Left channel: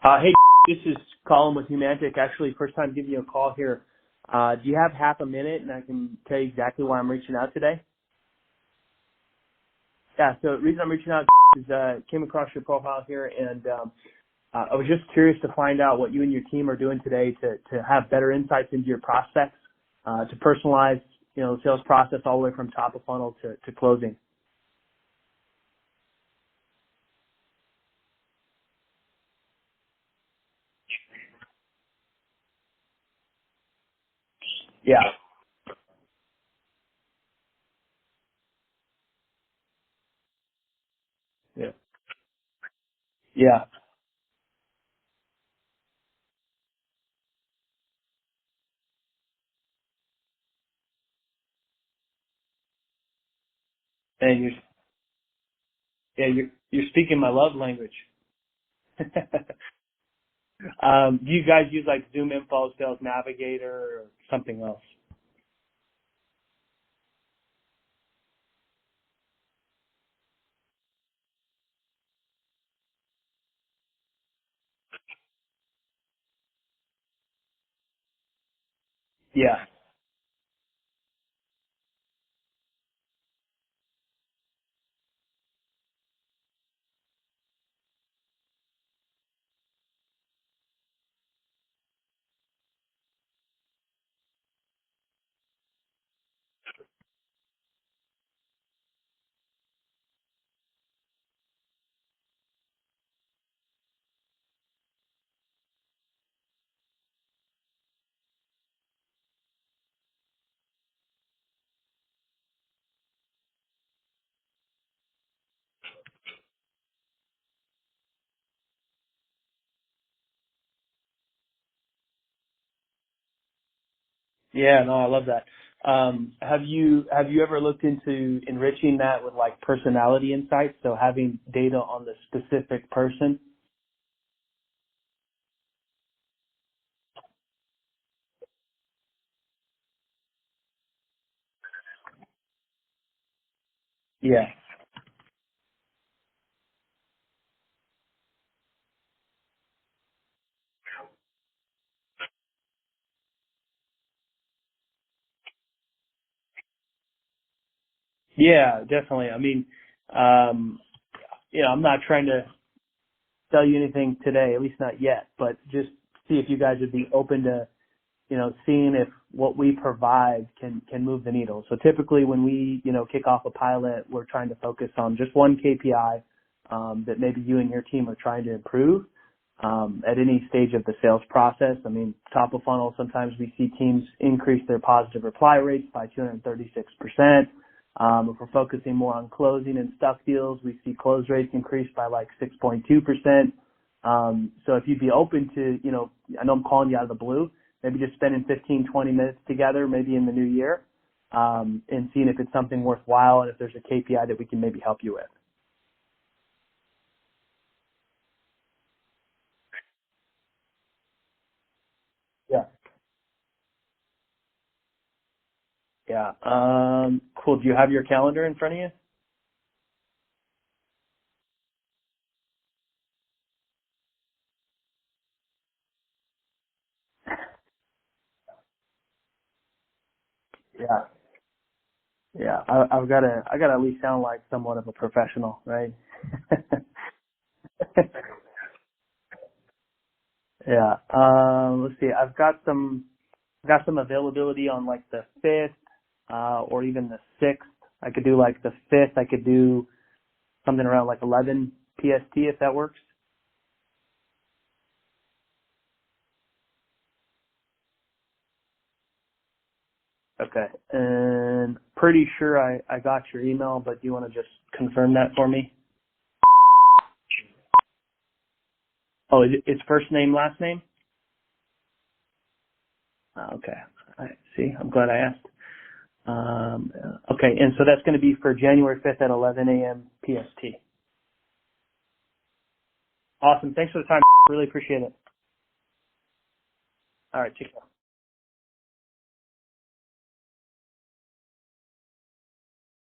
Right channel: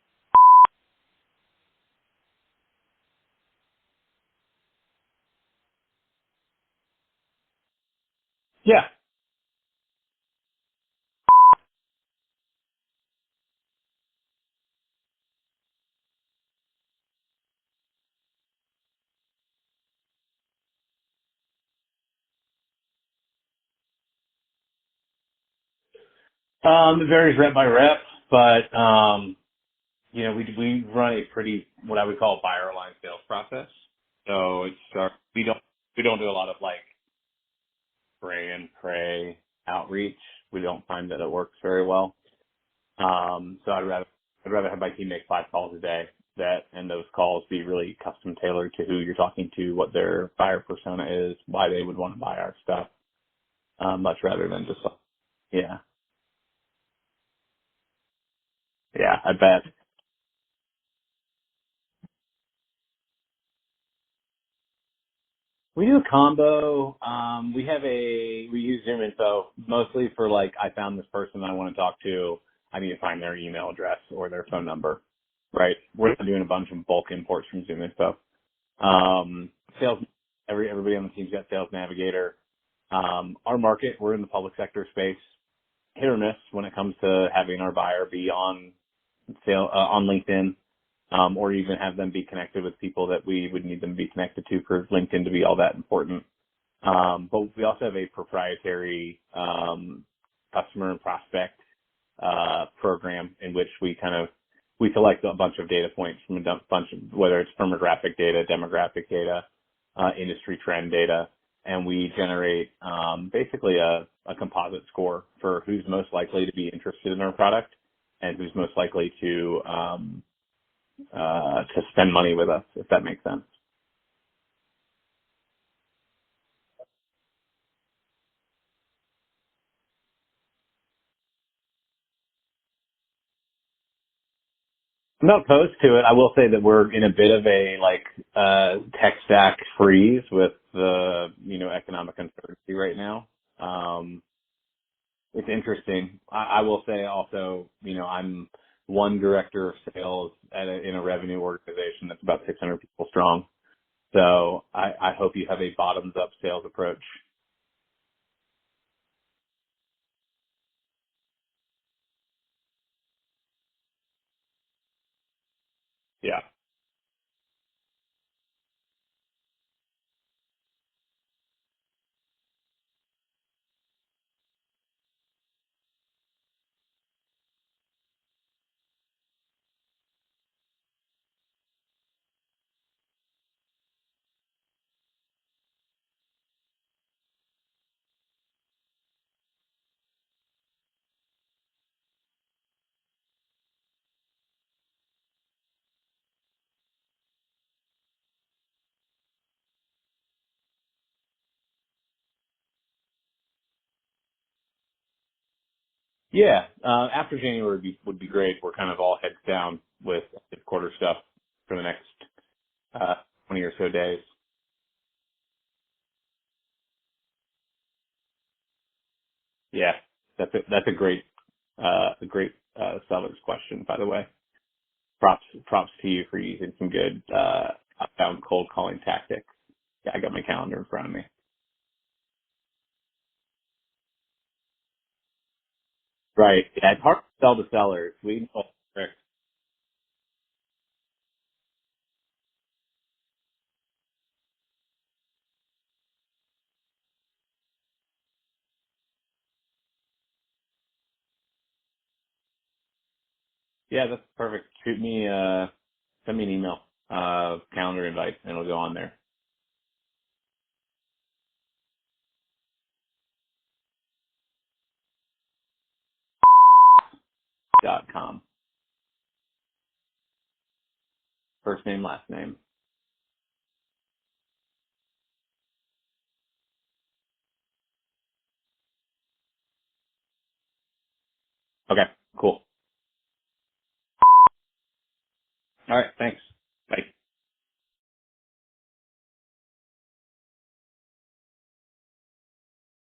Hey, this is Collin with Humantic. Actually, first time giving you a call here. Do you have half a minute and I can tell you exactly why I'm reaching out today? Yeah. Yeah, so the reason I'm reaching out is came across your profile here and I was just curious to find out what you and your team are doing today to have better insights into your prospects, to personalize, the sales process all the way from top of funnel to closing. It varies rep by rep, but we run a pretty what I would call buyer aligned sales process. So it's Yeah. we don't do a lot of like spray and pray outreach. We don't find that it works very well. Yeah. So I'd rather have my team make 5 calls a day and those calls be really custom tailored to who you're talking to, what their buyer persona is, why they would want to buy our stuff, much rather than just yeah. Yeah, you're speaking my love language. Yeah, I bet. Do you guys use like Zoom Info, Sales Navigator, or something else? We do a combo. We use Zoom Info mostly for like, I found this person I want to talk to. I need to find their email address or their phone number, right? We're not doing a bunch of bulk imports from Zoom Info. Yeah. Everybody on the team's got Sales Navigator. Our market, we're in the public sector space, hit or miss when it comes to having our buyer be on LinkedIn, or even have them be connected with people that we would need them to be connected to for LinkedIn to be all that important. But we also have a proprietary customer and prospect program in which we collect a bunch of data points from a bunch of, whether it's firmographic data, demographic data, industry trend data, and we generate basically a composite score for who's most likely to be interested in our product and who's most likely to spend money with us, if that makes sense. Yeah, no, I love that. Have you ever looked into enriching that with like personality insights? So having data on the specific person? I'm not opposed to it. I will say that we're in a bit of a tech stack freeze with the economic uncertainty right now. Yeah. It's interesting. I will say also, I'm one director of sales in a revenue organization that's about 600 people strong. So I hope you have a bottoms up sales approach. Yeah, definitely. I mean, I'm not trying to sell you anything today, at least not yet, but just see if you guys would be open to, seeing if what we provide can move the needle. So typically when we, kick off a pilot, we're trying to focus on just one KPI that maybe you and your team are trying to improve at any stage of the sales process. I mean, top of funnel, sometimes we see teams increase their positive reply rates by 236%. If we're focusing more on closing and stuff deals, we see close rates increase by like 6.2%. So if you'd be open to, I know I'm calling you out of the blue, maybe just spending 15, 20 minutes together, maybe in the new year, and seeing if it's something worthwhile and if there's a KPI that we can maybe help you with. Yeah, after January would be great. We're kind of all heads down with the quarter stuff for the next 20 or so days. Yeah. Cool. Do you have your calendar in front of you? Yeah, that's a great seller's question, by the way. Props to you for using some good outbound cold calling tactics. Yeah, I got my calendar in front of me. Yeah, I got to at least sound like somewhat of a professional, right? Right. Yeah, it's hard to sell to sellers. Yeah. Let's see. I've got some availability on like the 5th, or even the 6th. I could do like the 5th. I could do something around like 11 PST if that works. Yeah, that's perfect. Send me an email, calendar invite, and it'll go on there. Okay. And pretty sure I got your email, but do you want to just confirm that for me? .com. Oh, it's first name, last name? First name, last name. Okay. All right. See, I'm glad I asked. Okay. And so that's going to be for January 5th at 11 a.m. PST. Okay, cool. Awesome. Thanks for the time. Really appreciate it. All right. Thanks. Bye. All right. Take care.